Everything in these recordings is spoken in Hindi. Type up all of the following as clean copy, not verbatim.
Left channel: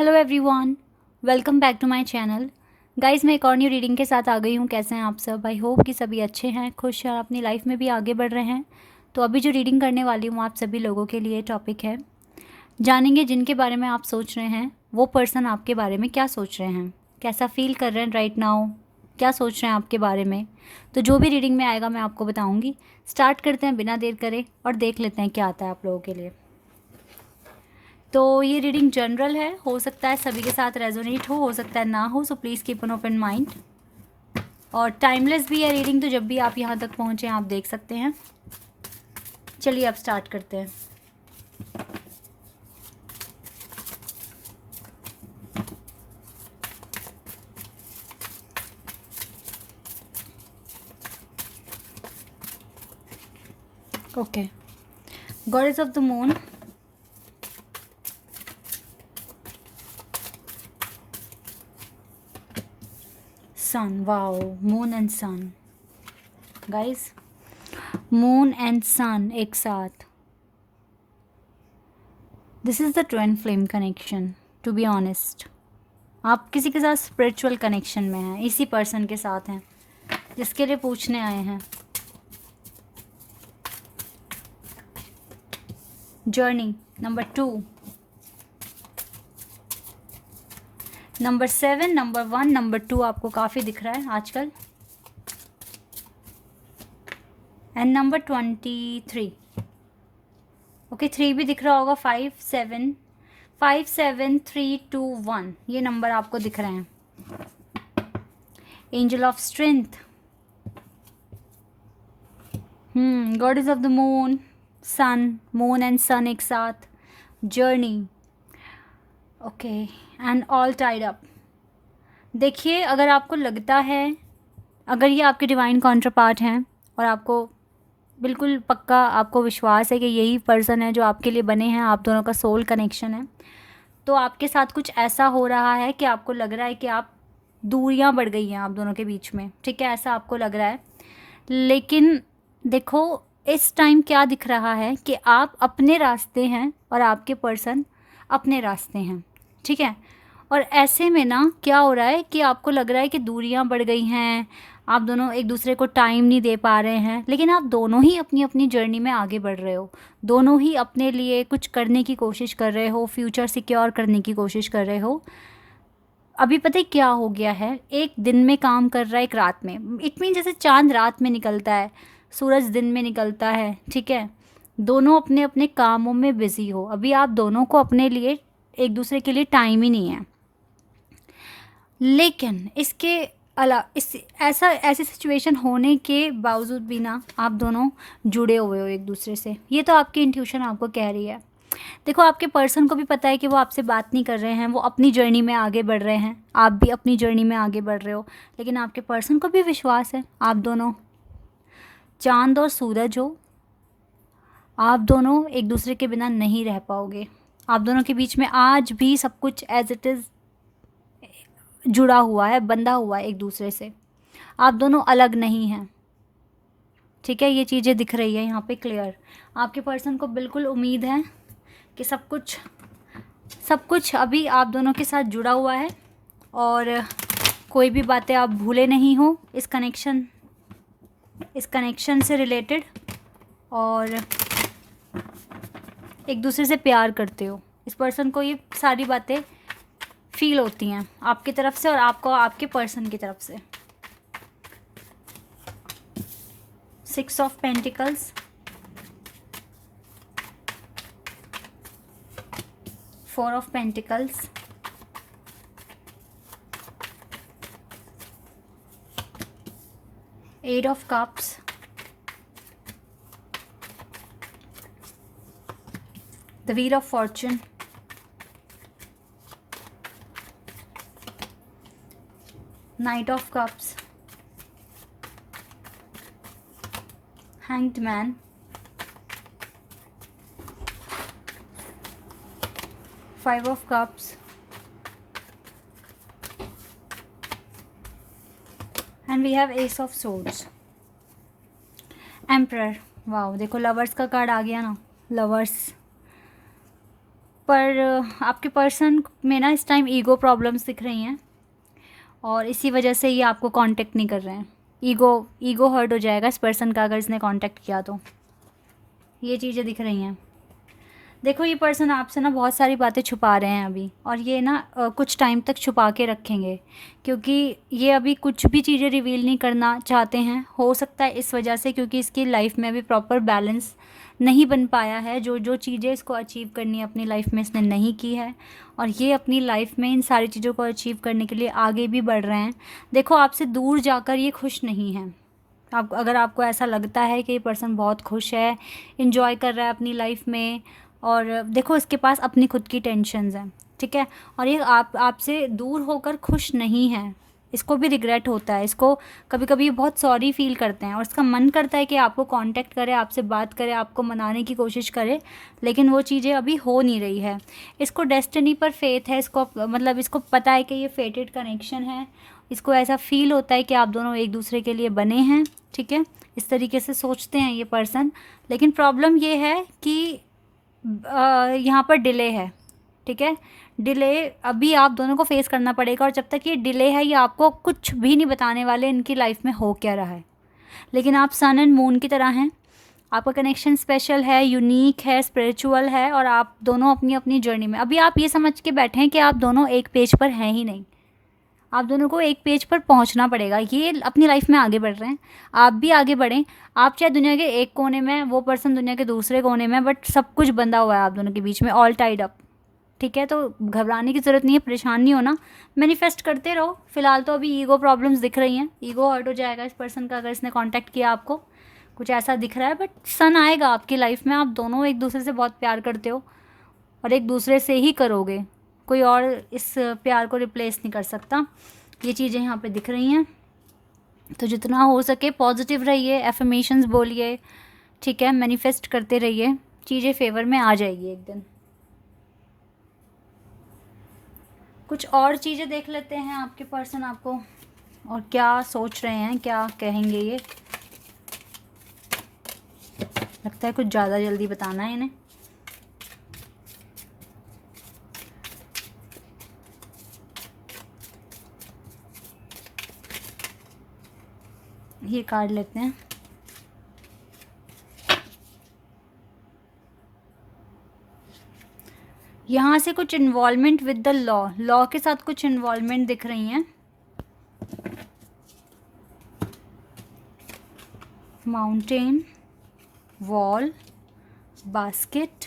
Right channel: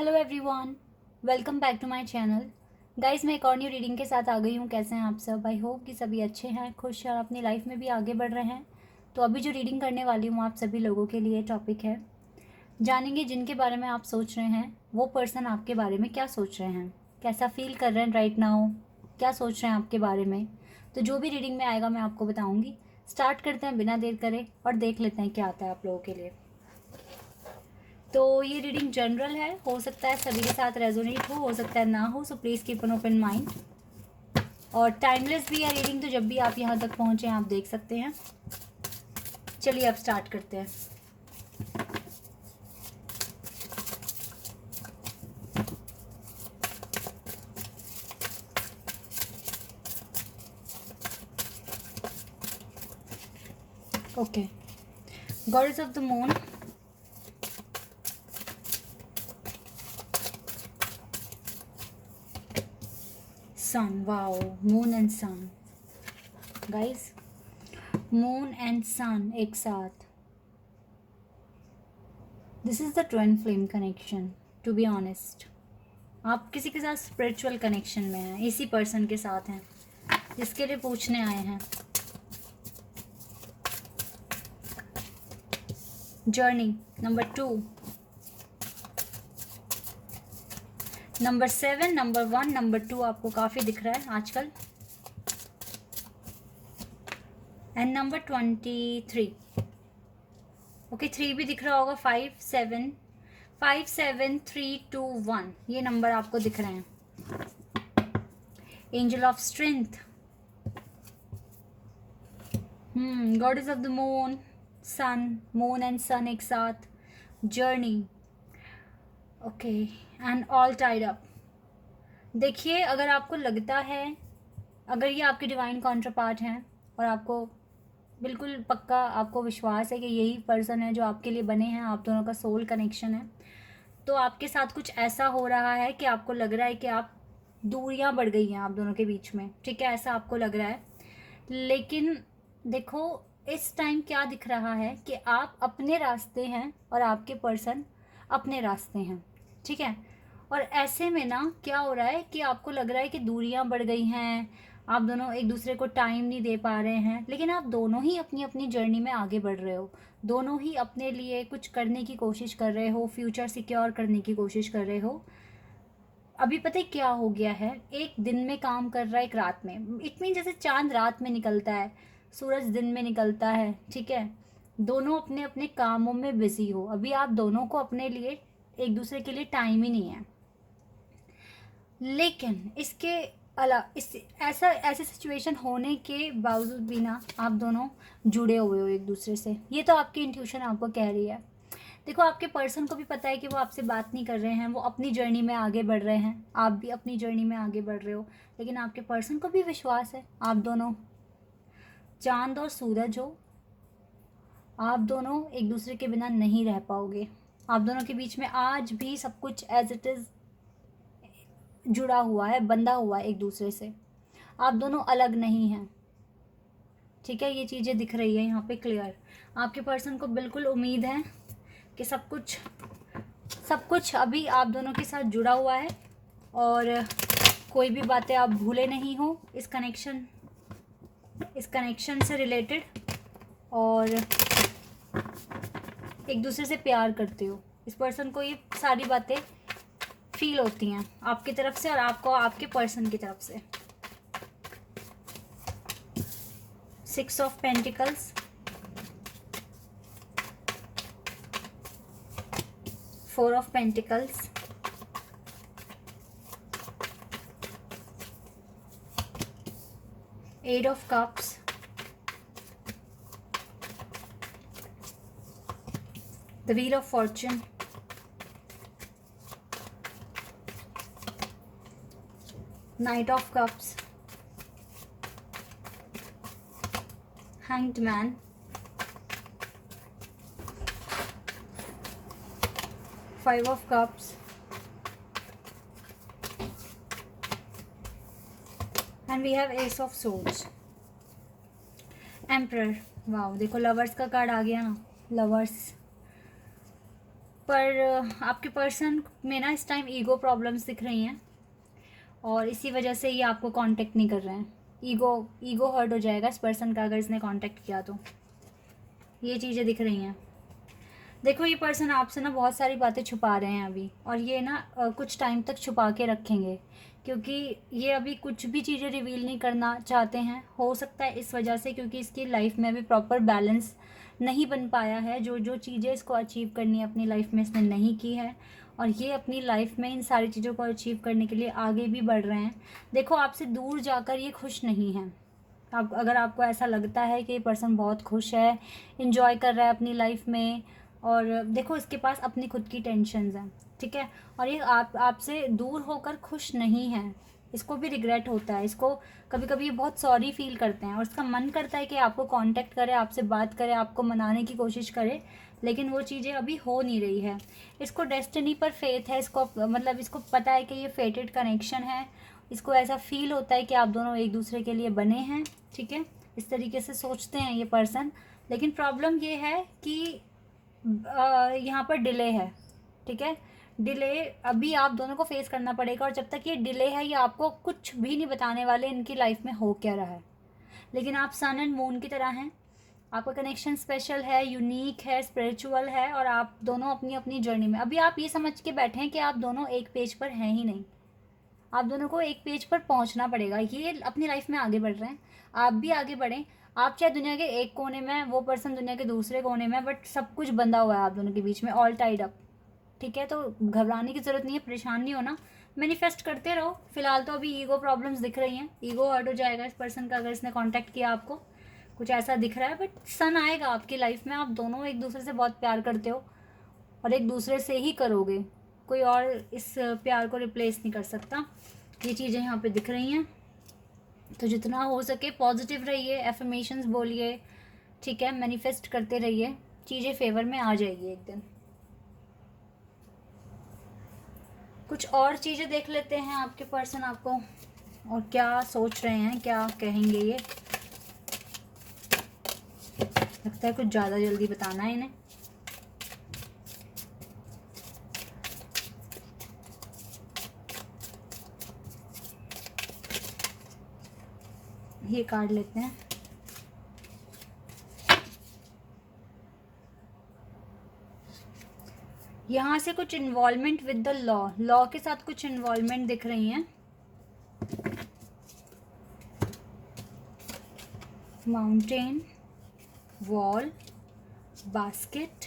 Hello everyone, welcome back to my channel. Guys, मैं एक और न्यू रीडिंग के साथ आ गई हूँ। कैसे हैं आप सब? आई होप कि सभी अच्छे हैं, खुश हैं और अपनी लाइफ में भी आगे बढ़ रहे हैं। तो अभी जो रीडिंग करने वाली हूँ आप सभी लोगों के लिए टॉपिक है, जानेंगे जिनके बारे में आप सोच रहे हैं वो पर्सन आपके बारे में क्या सोच रहे हैं, कैसा फील कर रहे हैं राइट नाउ, क्या सोच रहे हैं आपके बारे में। तो जो भी रीडिंग में आएगा मैं आपको बताऊँगी। स्टार्ट करते हैं बिना देर करे और देख लेते हैं क्या आता है आप लोगों के लिए। तो ये रीडिंग जनरल है, हो सकता है सभी के साथ रेजोनेट हो सकता है ना हो, so please keep an open mind. और टाइमलेस भी है रीडिंग, तो जब भी आप यहाँ तक पहुँचे आप देख सकते हैं। चलिए अब स्टार्ट करते हैं। Okay, goddess of the moon, sun. Wow, moon and sun guys, moon and sun एक साथ। This is the twin flame connection. To be honest, आप किसी के साथ स्पिरिचुअल कनेक्शन में हैं, इसी पर्सन के साथ हैं जिसके लिए पूछने आए हैं। Journey number 2, number 7, number 1, number 2 आपको काफ़ी दिख रहा है आजकल, एंड नंबर 23। ओके, 3 भी दिख रहा होगा। 5 7 5 7 3 2 1 ये नंबर आपको दिख रहे हैं। Angel of strength, goddess of the moon, sun, moon and sun एक साथ, journey. Okay, and all tied up. देखिए, अगर आपको लगता है, अगर ये आपके डिवाइन काउंटरपार्ट हैं और आपको बिल्कुल पक्का आपको विश्वास है कि यही पर्सन है जो आपके लिए बने हैं, आप दोनों का सोल कनेक्शन है, तो आपके साथ कुछ ऐसा हो रहा है कि आपको लग रहा है कि आप दूरियां बढ़ गई हैं आप दोनों के बीच में। ठीक है, ऐसा आपको लग रहा है। लेकिन देखो, इस टाइम क्या दिख रहा है कि आप अपने रास्ते हैं और आपके पर्सन अपने रास्ते हैं। ठीक है, और ऐसे में ना क्या हो रहा है कि आपको लग रहा है कि दूरियां बढ़ गई हैं, आप दोनों एक दूसरे को टाइम नहीं दे पा रहे हैं, लेकिन आप दोनों ही अपनी अपनी जर्नी में आगे बढ़ रहे हो। दोनों ही अपने लिए कुछ करने की कोशिश कर रहे हो, फ्यूचर सिक्योर करने की कोशिश कर रहे हो। अभी पता है क्या हो गया है, एक दिन में काम कर रहा है, एक रात में। इट मीन जैसे चांद रात में निकलता है, सूरज दिन में निकलता है। ठीक है, दोनों अपने अपने कामों में बिजी हो। अभी आप दोनों को अपने लिए, एक दूसरे के लिए टाइम ही नहीं है। लेकिन इसके इस ऐसी सिचुएशन होने के बावजूद भी ना आप दोनों जुड़े हुए हो एक दूसरे से। ये तो आपकी इंट्यूशन आपको कह रही है। देखो, आपके पर्सन को भी पता है कि वो आपसे बात नहीं कर रहे हैं, वो अपनी जर्नी में आगे बढ़ रहे हैं, आप भी अपनी जर्नी में आगे बढ़ रहे हो। लेकिन आपके पर्सन को भी विश्वास है आप दोनों चांद और सूरज हो, आप दोनों एक दूसरे के बिना नहीं रह पाओगे। आप दोनों के बीच में आज भी सब कुछ एज इट इज़ जुड़ा हुआ है, बंधा हुआ है एक दूसरे से। आप दोनों अलग नहीं हैं। ठीक है, ये चीज़ें दिख रही है यहाँ पे क्लियर। आपके पर्सन को बिल्कुल उम्मीद है कि सब कुछ अभी आप दोनों के साथ जुड़ा हुआ है और कोई भी बातें आप भूले नहीं हो इस कनेक्शन से रिलेटेड, और एक दूसरे से प्यार करते हो। इस पर्सन को ये सारी बातें फील होती हैं आपकी तरफ से और आपको आपके पर्सन की तरफ से। 6 of pentacles, 4 of pentacles, 8 of cups, the wheel of fortune, knight of cups, hanged man, 5 of cups, and we have ace of swords, emperor. Wow, देखो लवर्स का कार्ड आ गया ना। लवर्स, पर आपके पर्सन में ना इस टाइम ईगो प्रॉब्लम्स दिख रही हैं और इसी वजह से ये आपको कांटेक्ट नहीं कर रहे हैं। ईगो हर्ट हो जाएगा इस पर्सन का अगर इसने कांटेक्ट किया तो, ये चीज़ें दिख रही हैं। देखो ये पर्सन आपसे ना बहुत सारी बातें छुपा रहे हैं अभी, और ये ना कुछ टाइम तक छुपा के रखेंगे, क्योंकि ये अभी कुछ भी चीज़ें रिवील नहीं करना चाहते हैं। हो सकता है इस वजह से, क्योंकि इसकी लाइफ में अभी प्रॉपर बैलेंस नहीं बन पाया है। जो जो चीज़ें इसको अचीव करनी है अपनी लाइफ में इसने नहीं की है, और ये अपनी लाइफ में इन सारी चीज़ों को अचीव करने के लिए आगे भी बढ़ रहे हैं। देखो आपसे दूर जाकर ये खुश नहीं है। अगर आपको ऐसा लगता है कि ये पर्सन बहुत खुश है, इन्जॉय कर रहा है अपनी लाइफ में, और देखो इसके पास अपनी खुद की टेंशन्स हैं, ठीक है, और ये आपसे दूर होकर खुश नहीं है। इसको भी रिग्रेट होता है, इसको कभी कभी ये बहुत सॉरी फील करते हैं और इसका मन करता है कि आपको कांटेक्ट करे, आपसे बात करे, आपको मनाने की कोशिश करे, लेकिन वो चीज़ें अभी हो नहीं रही है। इसको डेस्टिनी पर फेथ है, इसको मतलब इसको पता है कि ये फेटेड कनेक्शन है। इसको ऐसा फील होता है कि आप दोनों एक दूसरे के लिए बने हैं, ठीक है, इस तरीके से सोचते हैं ये पर्सन। लेकिन प्रॉब्लम ये है कि यहाँ पर डिले है, ठीक है, डिले अभी आप दोनों को फेस करना पड़ेगा, और जब तक ये डिले है ये आपको कुछ भी नहीं बताने वाले इनकी लाइफ में हो क्या रहा है। लेकिन आप सन एंड मून की तरह हैं, आपका कनेक्शन स्पेशल है, यूनिक है, स्पिरिचुअल है, और आप दोनों अपनी अपनी जर्नी में अभी आप ये समझ के बैठे हैं कि आप दोनों एक पेज पर हैं ही नहीं। आप दोनों को एक पेज पर पहुंचना पड़ेगा। ये अपनी लाइफ में आगे बढ़ रहे हैं, आप भी आगे बढ़ें। आप चाहे दुनिया के एक कोने में, वो पर्सन दुनिया के दूसरे कोने में, बट सब कुछ बंधा हुआ है आप दोनों के बीच में, ऑल टाइड अप, ठीक है। तो घबराने की ज़रूरत नहीं है, परेशान नहीं होना, मैनिफेस्ट करते रहो। फिलहाल तो अभी ईगो प्रॉब्लम्स दिख रही हैं, ईगो हर्ट हो जाएगा इस पर्सन का अगर इसने कांटेक्ट किया आपको, कुछ ऐसा दिख रहा है। बट सन आएगा आपकी लाइफ में, आप दोनों एक दूसरे से बहुत प्यार करते हो और एक दूसरे से ही करोगे, कोई और इस प्यार को रिप्लेस नहीं कर सकता। ये चीज़ें यहाँ पे दिख रही हैं। तो जितना हो सके पॉजिटिव रहिए, एफर्मेशंस बोलिए, ठीक है, मैनिफेस्ट करते रहिए, चीज़ें फेवर में आ जाएगी एक दिन। कुछ और चीज़ें देख लेते हैं आपके पर्सन आपको और क्या सोच रहे हैं, क्या कहेंगे। ये लगता है कुछ ज़्यादा जल्दी बताना है इन्हें। ये कार्ड लेते हैं। यहाँ से कुछ इन्वॉल्वमेंट विद द लॉ के साथ कुछ इन्वॉल्वमेंट दिख रही हैं। Mountain, wall, basket,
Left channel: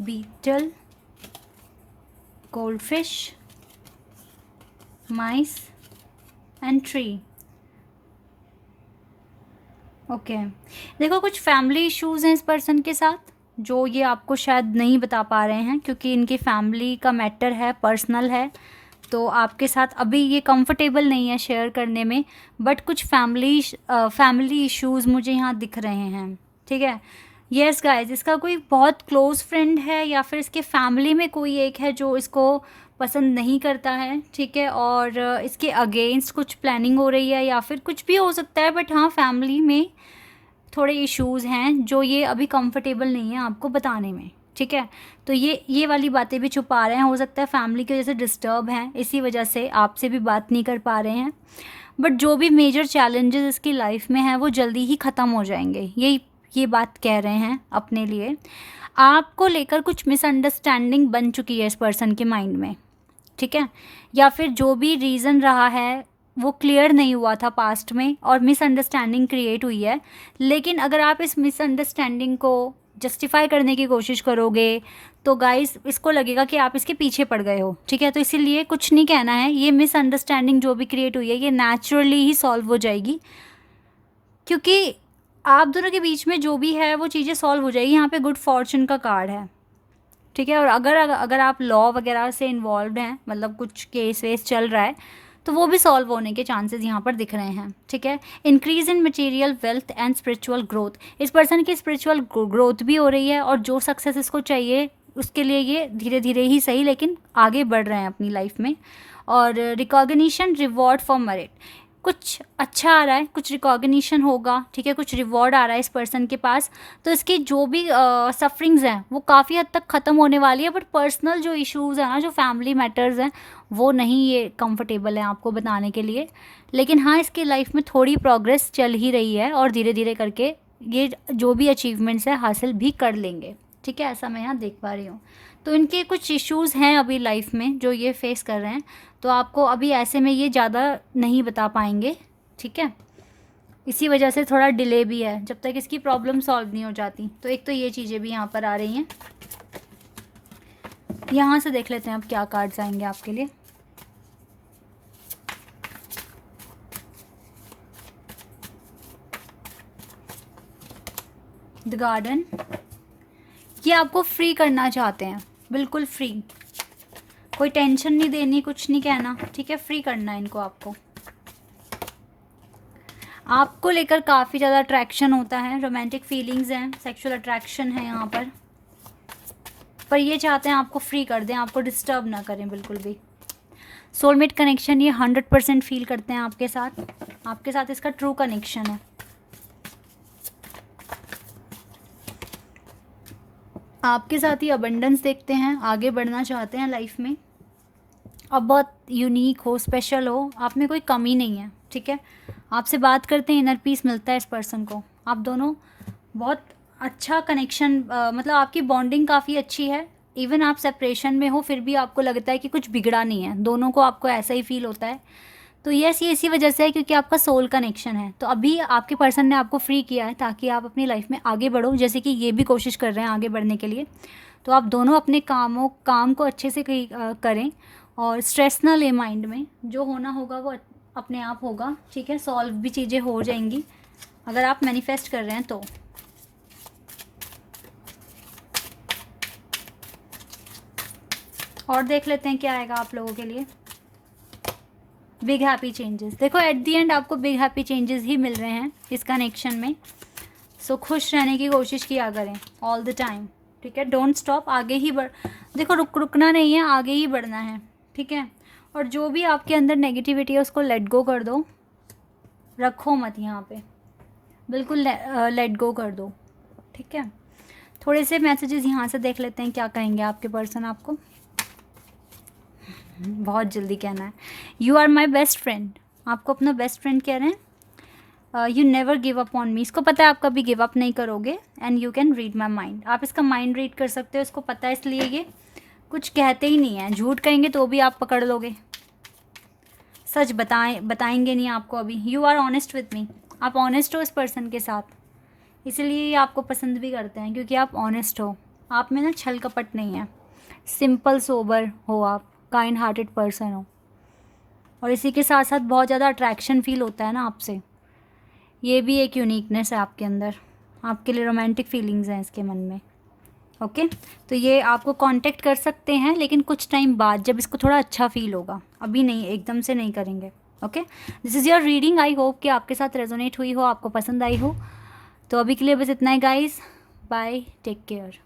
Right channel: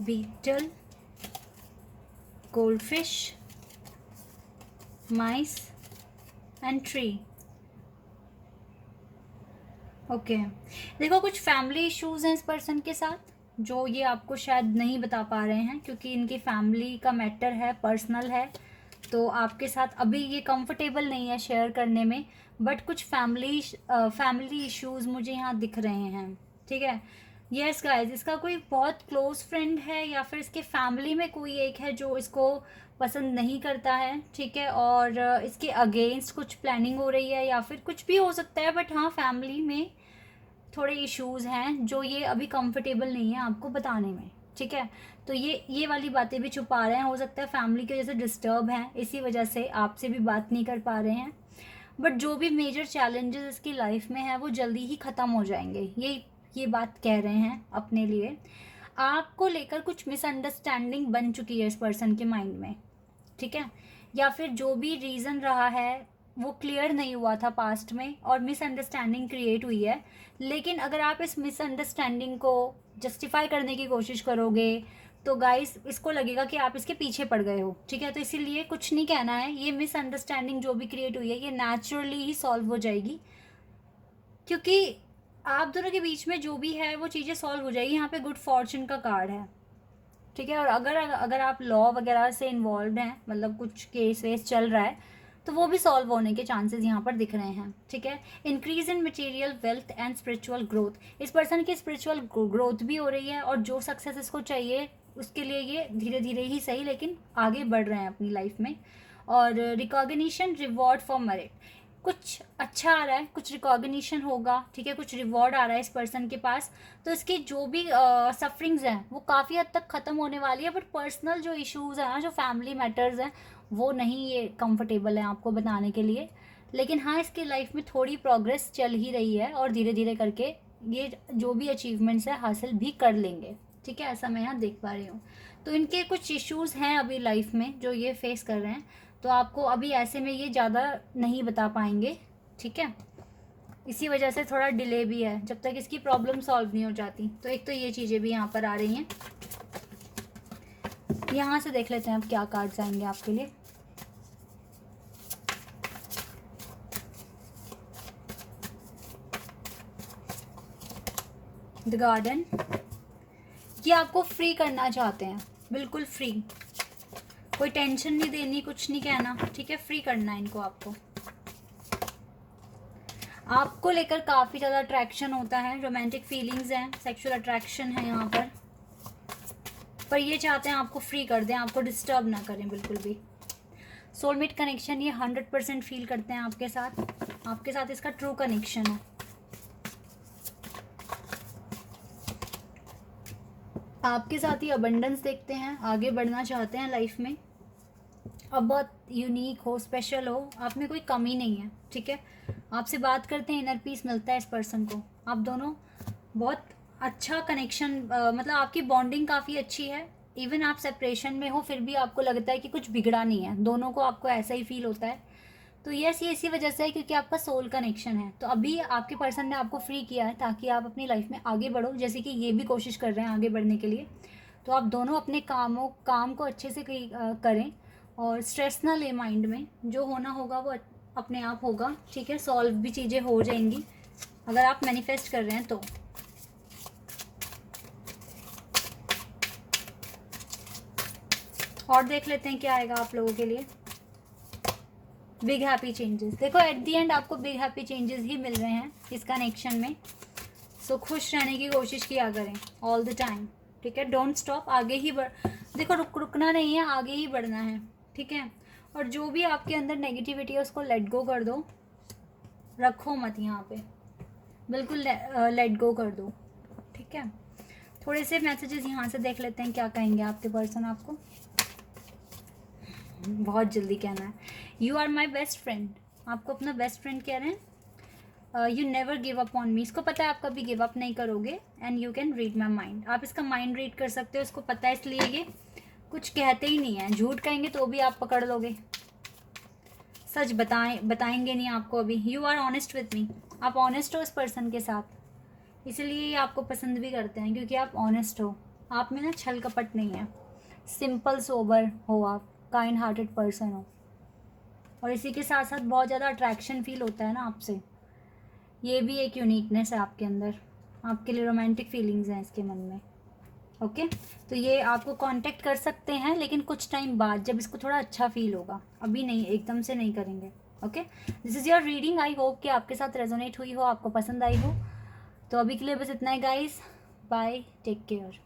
beetle, goldfish, mice and tree. Okay देखो कुछ फैमिली इश्यूज हैं इस पर्सन के साथ, जो ये आपको शायद नहीं बता पा रहे हैं, क्योंकि इनकी फैमिली का मैटर है, पर्सनल है, तो आपके साथ अभी ये कंफर्टेबल नहीं है शेयर करने में। बट कुछ फैमिली इश्यूज़ मुझे यहाँ दिख रहे हैं, ठीक है। यस गाइस, इसका कोई बहुत क्लोज फ्रेंड है या फिर इसके फैमिली में कोई एक है जो इसको पसंद नहीं करता है, ठीक है, और इसके अगेंस्ट कुछ प्लानिंग हो रही है या फिर कुछ भी हो सकता है। बट हाँ, फैमिली में थोड़े इश्यूज़ हैं जो ये अभी कंफर्टेबल नहीं है आपको बताने में, ठीक है। तो ये वाली बातें भी छुपा रहे हैं। हो सकता है फैमिली की वजह से डिस्टर्ब हैं, इसी वजह से आपसे भी बात नहीं कर पा रहे हैं। बट जो भी मेजर चैलेंजेस इसकी लाइफ में हैं वो जल्दी ही ख़त्म हो जाएंगे, ये बात कह रहे हैं अपने लिए। आपको लेकर कुछ मिसअंडरस्टैंडिंग बन चुकी है इस पर्सन के माइंड में, ठीक है, या फिर जो भी रीज़न रहा है वो क्लियर नहीं हुआ था पास्ट में और मिसअंडरस्टैंडिंग क्रिएट हुई है। लेकिन अगर आप इस मिसअंडरस्टैंडिंग को जस्टिफाई करने की कोशिश करोगे तो गाइस इसको लगेगा कि आप इसके पीछे पड़ गए हो, ठीक है। तो इसीलिए कुछ नहीं कहना है, ये मिसअंडरस्टैंडिंग जो भी क्रिएट हुई है ये नेचुरली ही सॉल्व हो जाएगी, क्योंकि आप दोनों के बीच में जो भी है वो चीज़ें सॉल्व हो जाएगी। यहाँ पे गुड फॉर्चून का कार्ड है, ठीक है। और अगर आप लॉ वगैरह से इन्वॉल्व हैं, मतलब कुछ केस वेस चल रहा है, तो वो भी सॉल्व होने के चांसेस यहाँ पर दिख रहे हैं, ठीक है। Increase in material wealth and spiritual growth, इस पर्सन की स्पिरिचुअल ग्रोथ भी हो रही है, और जो सक्सेस इसको चाहिए उसके लिए ये धीरे धीरे ही सही लेकिन आगे बढ़ रहे हैं अपनी लाइफ में। और रिकॉग्निशन, रिवॉर्ड फॉर मेरिट, कुछ अच्छा आ रहा है, कुछ रिकॉग्निशन होगा, ठीक है, कुछ रिवॉर्ड आ रहा है इस पर्सन के पास, तो इसकी जो भी सफरिंग्स हैं वो काफ़ी हद तक ख़त्म होने वाली है। बट पर्सनल जो इश्यूज़ हैं ना, जो फैमिली मैटर्स हैं, वो नहीं ये कंफर्टेबल है आपको बताने के लिए। लेकिन हाँ, इसकी लाइफ में थोड़ी प्रोग्रेस चल ही रही है और धीरे धीरे करके ये जो भी अचीवमेंट्स है हासिल भी कर लेंगे, ठीक है, ऐसा मैं यहाँ देख पा रही हूँ। तो इनके कुछ इश्यूज़ हैं अभी लाइफ में जो ये फेस कर रहे हैं, तो आपको अभी ऐसे में ये ज़्यादा नहीं बता पाएंगे, ठीक है, इसी वजह से थोड़ा डिले भी है जब तक इसकी प्रॉब्लम सॉल्व नहीं हो जाती। तो एक तो ये चीज़ें भी यहाँ पर आ रही हैं। यहाँ से देख लेते हैं अब क्या कार्ड्स आएंगे आपके लिए। द गार्डन, ये आपको फ्री करना चाहते हैं, बिल्कुल फ्री, कोई टेंशन नहीं देनी, कुछ नहीं कहना, ठीक है, फ्री करना है इनको। आपको लेकर काफ़ी ज़्यादा अट्रैक्शन होता है, रोमांटिक फीलिंग्स हैं, सेक्सुअल अट्रैक्शन है यहाँ पर ये चाहते हैं आपको फ्री कर दें, आपको डिस्टर्ब ना करें बिल्कुल भी। सोलमेट कनेक्शन ये 100% फील करते हैं आपके साथ इसका ट्रू कनेक्शन है। आपके साथ ही अबंडेंस देखते हैं, आगे बढ़ना चाहते हैं लाइफ में, अब बहुत यूनिक हो, स्पेशल हो, आप में कोई कमी नहीं है, ठीक है, आपसे बात करते हैं, इनर पीस मिलता है इस पर्सन को, आप दोनों बहुत अच्छा कनेक्शन, मतलब आपकी बॉन्डिंग काफ़ी अच्छी है। इवन आप सेपरेशन में हो फिर भी आपको लगता है कि कुछ बिगड़ा नहीं है, दोनों को आपको ऐसा ही फील होता है। तो यस, ये इसी वजह से है क्योंकि आपका सोल कनेक्शन है। तो अभी आपके पर्सन ने आपको फ्री किया है ताकि आप अपनी लाइफ में आगे बढ़ो, जैसे कि ये भी कोशिश कर रहे हैं आगे बढ़ने के लिए। तो आप दोनों अपने काम को अच्छे से करें और स्ट्रेस ना ले माइंड में, जो होना होगा वो अपने आप होगा, ठीक है, सॉल्व भी चीज़ें हो जाएंगी अगर आप मैनिफेस्ट कर रहे हैं तो। और देख लेते हैं क्या आएगा आप लोगों के लिए। बिग हैप्पी चेंजेस, देखो एट दी एंड आपको बिग हैप्पी चेंजेस ही मिल रहे हैं इस कनेक्शन में। सो खुश रहने की कोशिश किया करें ऑल द टाइम, ठीक है, डोंट स्टॉप, आगे ही देखो रुकना नहीं है, आगे ही बढ़ना है, ठीक है। और जो भी आपके अंदर नेगेटिविटी है उसको लेट गो कर दो, रखो मत यहाँ पे, बिल्कुल लेट गो कर दो, ठीक है। थोड़े से मैसेजेस यहाँ से देख लेते हैं क्या कहेंगे आपके पर्सन आपको। बहुत जल्दी कहना है, you are my best friend, आपको अपना बेस्ट फ्रेंड कह रहे हैं। You never give up on me, इसको पता है आप कभी गिव अप नहीं करोगे। And you can read my mind, आप इसका माइंड रीड कर सकते हो, इसको पता है, इसलिए ये कुछ कहते ही नहीं है। झूठ कहेंगे तो भी आप पकड़ लोगे, सच बताएंगे नहीं आपको अभी। You are honest with me, आप ऑनेस्ट हो इस पर्सन के साथ, इसलिए ये आपको पसंद भी करते हैं क्योंकि आप ऑनेस्ट हो, आप में ना छल कपट नहीं है, सिंपल सोबर हो आप, काइंड हार्टेड पर्सन हो, और इसी के साथ साथ बहुत ज़्यादा अट्रैक्शन फील होता है ना आपसे, ये भी एक यूनिकनेस है आपके अंदर, आपके लिए रोमांटिक फीलिंग्स हैं इसके मन में, ओके। तो ये आपको कांटेक्ट कर सकते हैं लेकिन कुछ टाइम बाद, जब इसको थोड़ा अच्छा फील होगा, अभी नहीं, एकदम से नहीं करेंगे, okay. This is your reading, I hope कि आपके साथ रेजोनेट हुई हो, आपको पसंद आई हो। तो अभी के लिए बस इतना ही गाइस, बाय, टेक केयर।